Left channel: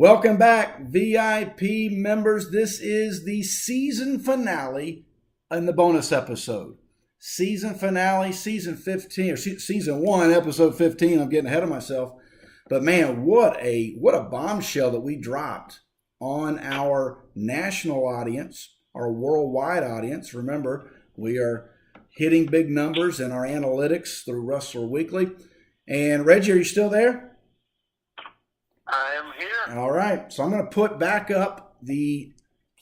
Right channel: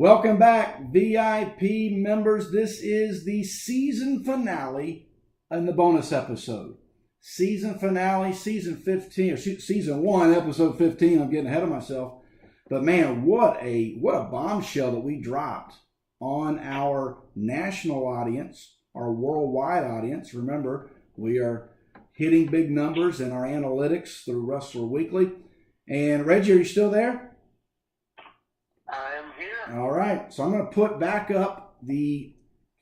Welcome back, VIP members. This is the season finale and the bonus episode. Season finale, season 15, or season 1, episode 15. I'm getting ahead of myself. But man, what a bombshell that we dropped on our national audience, our worldwide audience. Remember, we are hitting big numbers in our analytics through Wrestler Weekly. And Reggie, are you still there? I am here. All right, so I'm going to put back up the,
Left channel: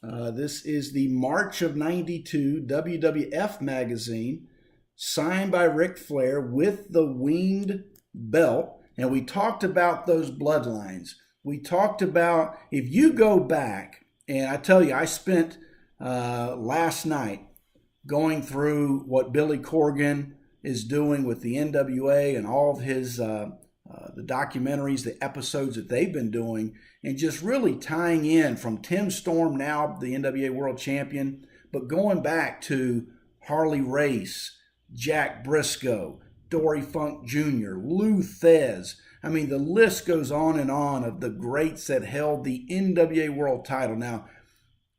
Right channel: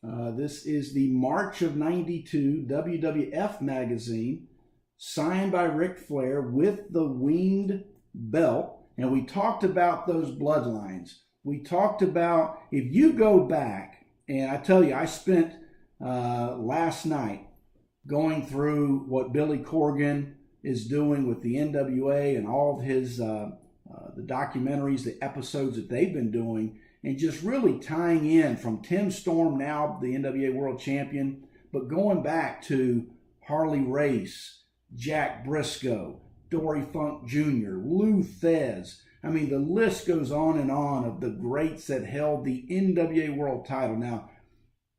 this is the March of '92 WWF magazine, signed by Ric Flair with the winged belt. And we talked about those bloodlines. We talked about, if you go back, and I tell you, I spent last night going through what Billy Corgan is doing with the NWA and all of his the documentaries, the episodes that they've been doing, and just really tying in from Tim Storm, now the NWA World Champion, but going back to Harley Race, Jack Briscoe, Dory Funk Jr., Lou Thez. I mean, the list goes on and on of the greats that held the NWA World title. Now,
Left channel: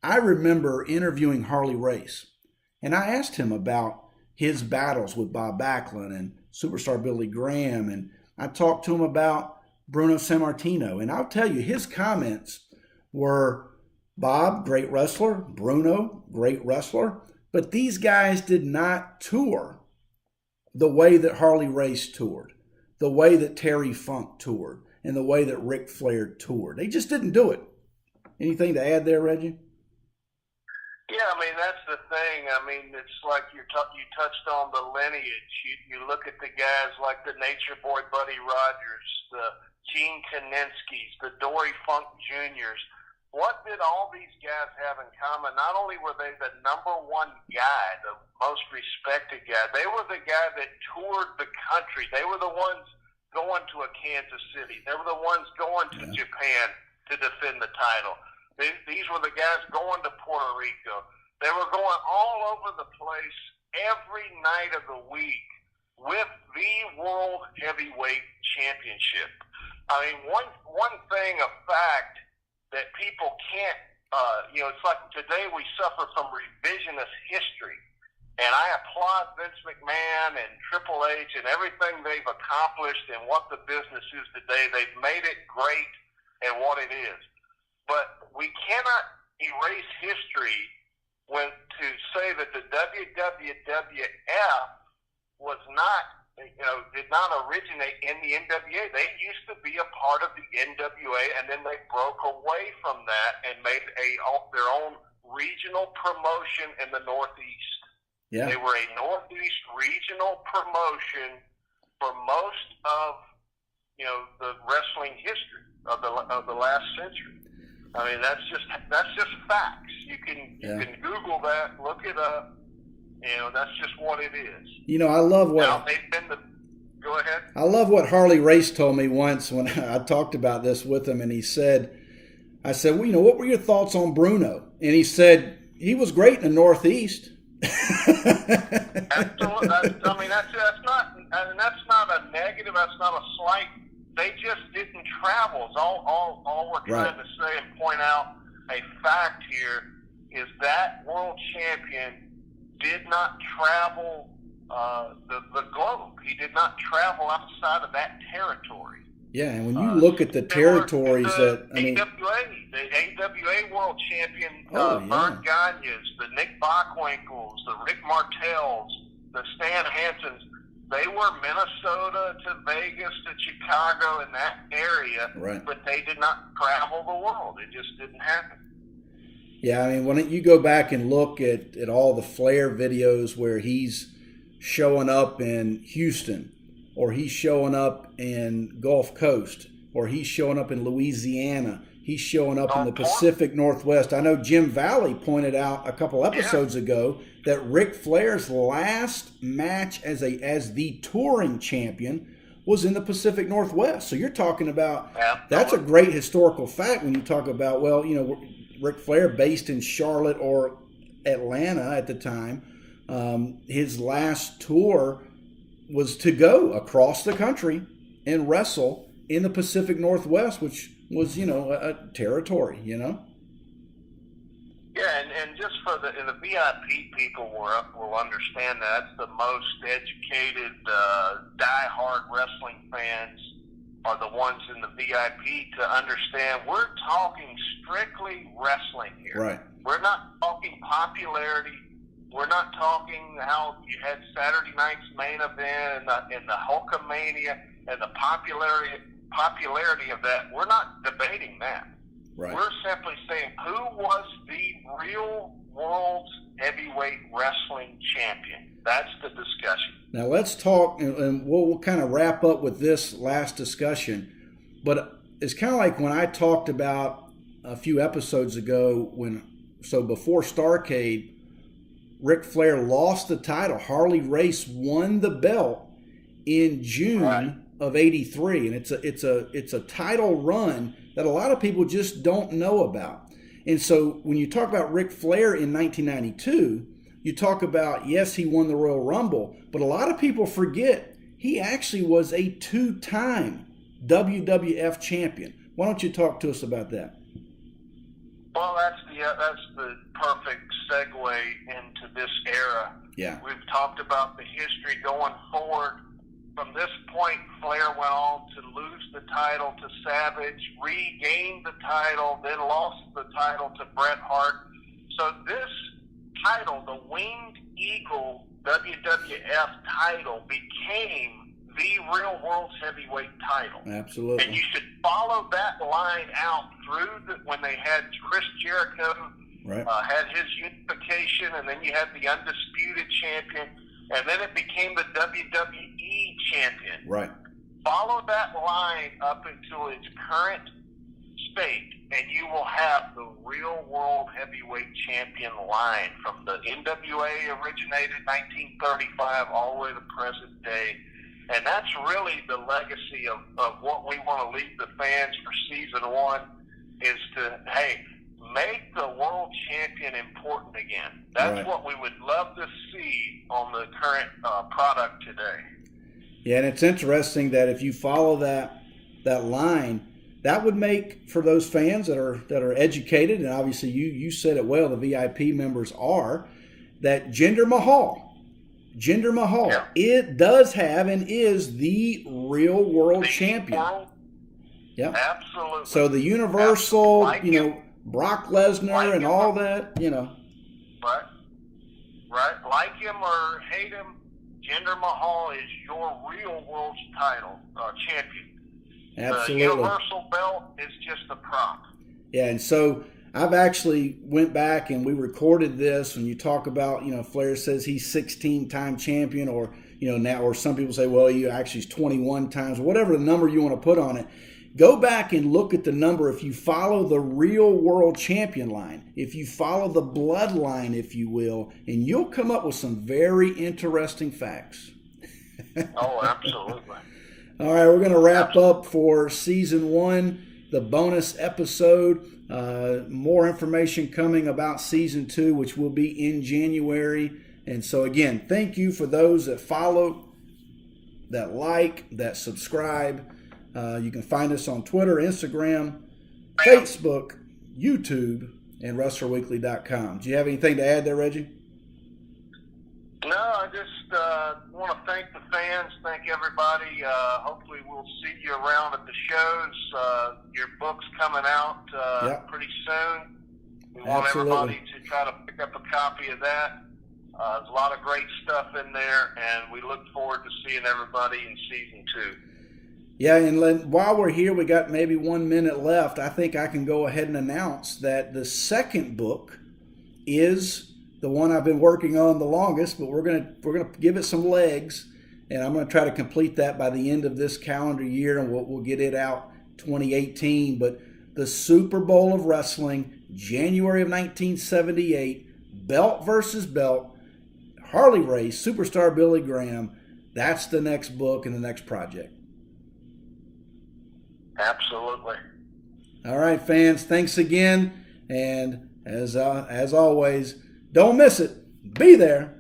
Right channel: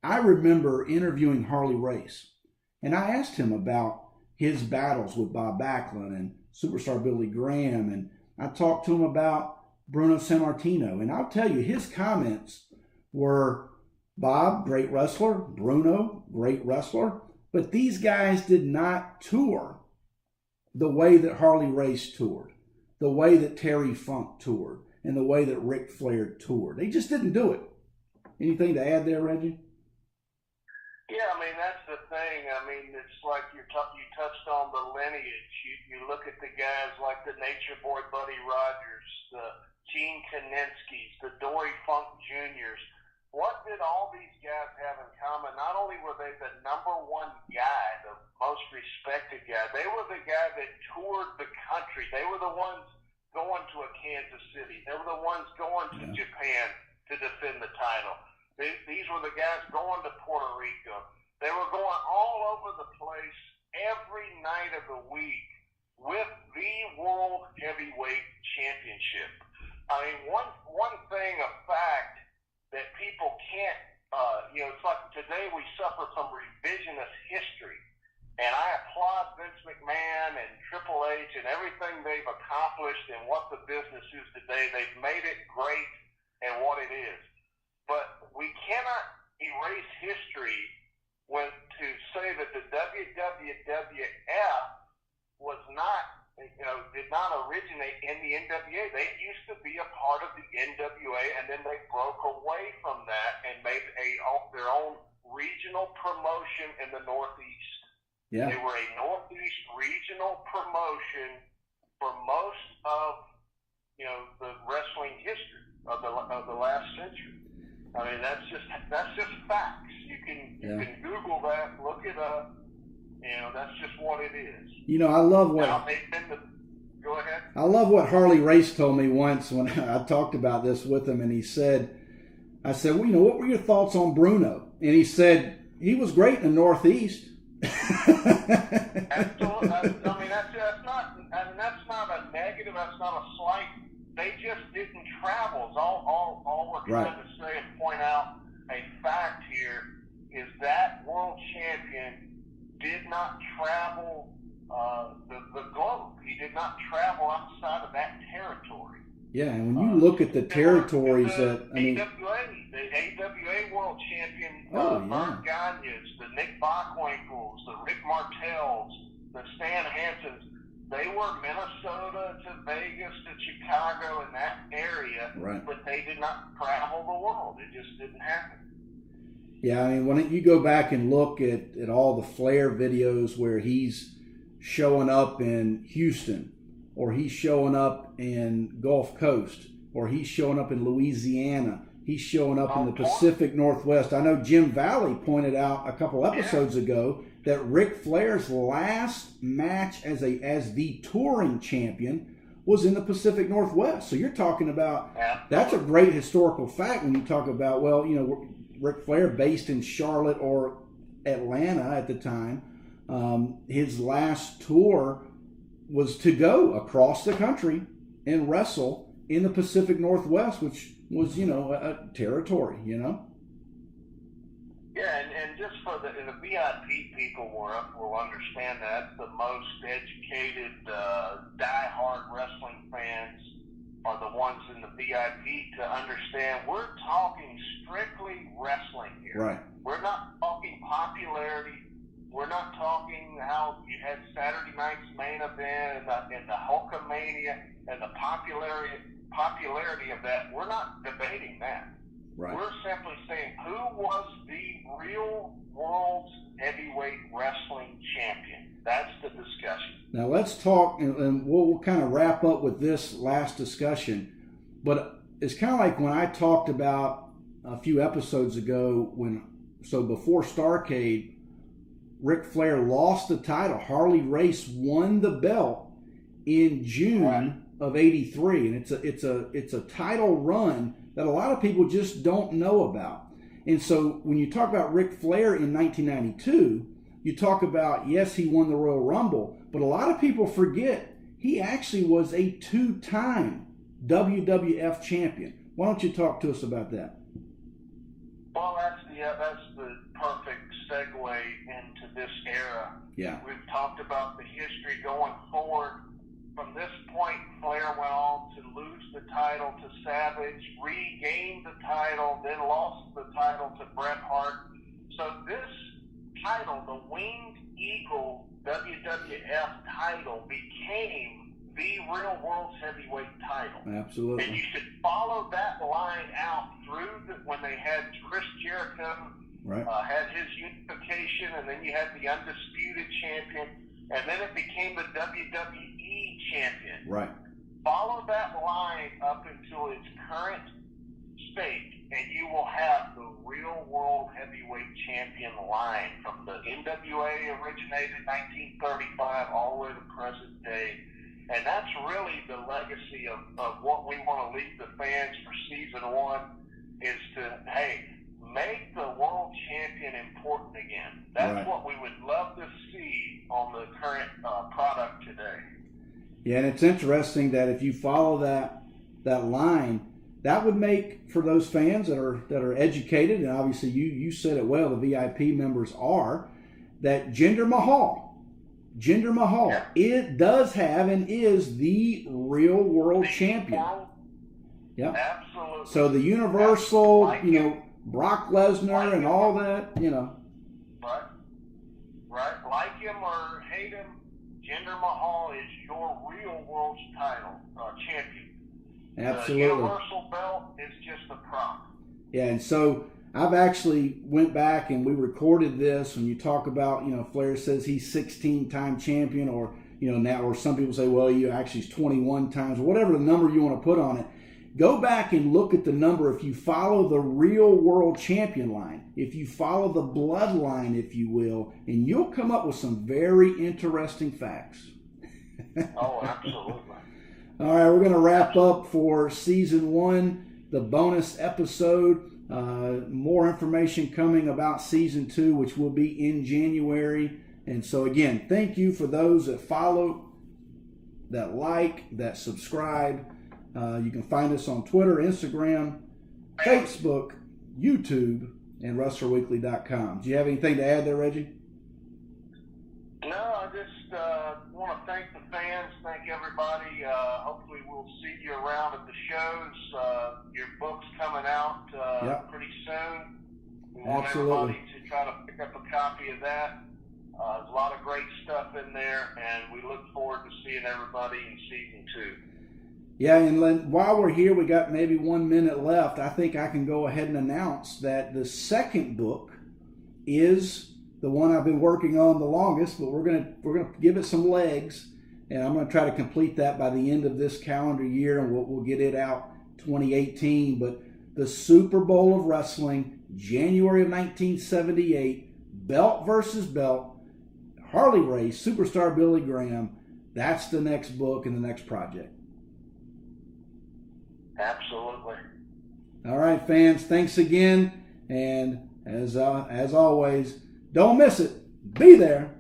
I remember interviewing Harley Race, and I asked him about his battles with Bob Backlund and Superstar Billy Graham, and I talked to him about Bruno Sammartino. And I'll tell you, his comments were, Bob, great wrestler, Bruno, great wrestler, but these guys did not tour the way that Harley Race toured, the way that Terry Funk toured, and the way that Ric Flair toured. They just didn't do it. Anything to add there, Reggie? Yeah, I mean, that's the thing. I mean, it's like you touched on the lineage. You look at the guys like the Nature Boy Buddy Rogers, the Gene Kaninsky's, the Dory Funk Juniors. What did all these guys have in common? Not only were they the number one guy, the most respected guy, they were the guy that toured the country. They were the ones going to a Kansas City. They were the ones going to Japan to defend the title. These were the guys going to Puerto Rico. They were going all over the place every night of the week with the World Heavyweight Championship. I mean, one thing, a fact that people can't, it's like today we suffer from revisionist history. And I applaud Vince McMahon and Triple H and everything they've accomplished and what the business is today. They've made it great and what it is. But we cannot erase history when to say that the WWF was not, did not originate in the NWA. They used to be a part of the NWA, and then they broke away from that and made their own regional promotion in the Northeast. Yeah. They were a Northeast regional promotion for most of, the wrestling history of the last century. I mean, that's just facts. You can Google that, look it up. That's just what it is. I love what. Now, go ahead. I love what Harley Race told me once when I talked about this with him, and he said, I said, well, what were your thoughts on Bruno? And he said, he was great in the Northeast. Absolutely. I mean, that's not a negative. That's not a slight. They just didn't travel. All we're trying to say and point out a fact here is that world champion did not travel the globe. He did not travel outside of that territory. Yeah, and when you look at the territories the AWA world champion, Bert Gagne's, the Nick Bockwinkel's, the Rick Martell's, the Stan Hansons, they were Minnesota to Vegas to Chicago in that area, but they did not travel the world. It just didn't happen. Yeah, I mean, when you go back and look at all the Flair videos where he's showing up in Houston, or he's showing up in Gulf Coast, or he's showing up in Louisiana, he's showing up in the Pacific Northwest. I know Jim Valley pointed out a couple episodes ago that Ric Flair's last match as the touring champion was in the Pacific Northwest. So you're talking about, that's a great historical fact when you talk about, Ric Flair based in Charlotte or Atlanta at the time. His last tour was to go across the country and wrestle in the Pacific Northwest, which was, a territory, Yeah, and just for the VIP people will understand that. That's the most educated, die-hard wrestling fans are the ones in the VIP to understand we're talking strictly wrestling here. Right. We're not talking popularity. We're not talking how you had Saturday night's main event and the Hulkamania and the popularity of that. We're not debating that. Right. We're simply saying who was the real world's heavyweight wrestling champion. That's the discussion. Now let's talk, and we'll kind of wrap up with this last discussion. But it's kind of like when I talked about a few episodes ago before Starrcade, Ric Flair lost the title. Harley Race won the belt in June of '83, and it's a title run that a lot of people just don't know about. And so when you talk about Ric Flair in 1992, you talk about, yes, he won the Royal Rumble, but a lot of people forget he actually was a 2-time WWF champion. Why don't you talk to us about that? Well, that's the perfect segue into this era. Yeah. We've talked about the history going forward. From this point, Flair went on to lose the title to Savage, regained the title, then lost the title to Bret Hart. So this title, the Winged Eagle WWF title, became the real world's heavyweight title. Absolutely. And you should follow that line out through when they had Chris Jericho, had his unification, and then you had the Undisputed Champion, and then it became the WWE Champion. Right. Follow that line up until its current state, and you will have the real world heavyweight champion line from the NWA originated in 1935 all the way to present day. And that's really the legacy of what we want to leave the fans for season 1 is to, hey, make the world champion important again. That's what we would love to see on the current product today. Yeah, and it's interesting that if you follow that line, that would make, for those fans that are educated, and obviously you said it well, the VIP members are, that Jinder Mahal, it does have and is the real world champion. Yeah, absolutely. So the Universal, Brock Lesnar and all that, Right. Like him or hate him, Jinder Mahal is your real world's title champion. Absolutely. The Universal belt is just a prop. Yeah, and so I've actually went back and we recorded this. When you talk about, Flair says he's 16-time champion, or now, or some people say, well, you actually is 21 times, whatever the number you want to put on it. Go back and look at the number if you follow the real world champion line, if you follow the bloodline, if you will, and you'll come up with some very interesting facts. Oh, absolutely. All right, we're going to wrap up for season 1, the bonus episode. More information coming about season 2, which will be in January. And so again, thank you for those that follow, that like, that subscribe. You can find us on Twitter, Instagram, Facebook, YouTube, and WrestlerWeekly.com. Do you have anything to add there, Reggie? No, I just want to thank the fans, thank everybody. Hopefully we'll see you around at the shows. Your book's coming out pretty soon. We want everybody to try to pick up a copy of that. There's a lot of great stuff in there, and we look forward to seeing everybody in season 2. Yeah, and while we're here, we got maybe 1 minute left. I think I can go ahead and announce that the second book is the one I've been working on the longest, but we're gonna give it some legs, and I'm gonna try to complete that by the end of this calendar year, and we'll get it out 2018. But the Super Bowl of Wrestling, January of 1978, belt versus belt, Harley Race, Superstar Billy Graham. That's the next book and the next project. Absolutely. All right, fans, thanks again. And as always, don't miss it. Be there.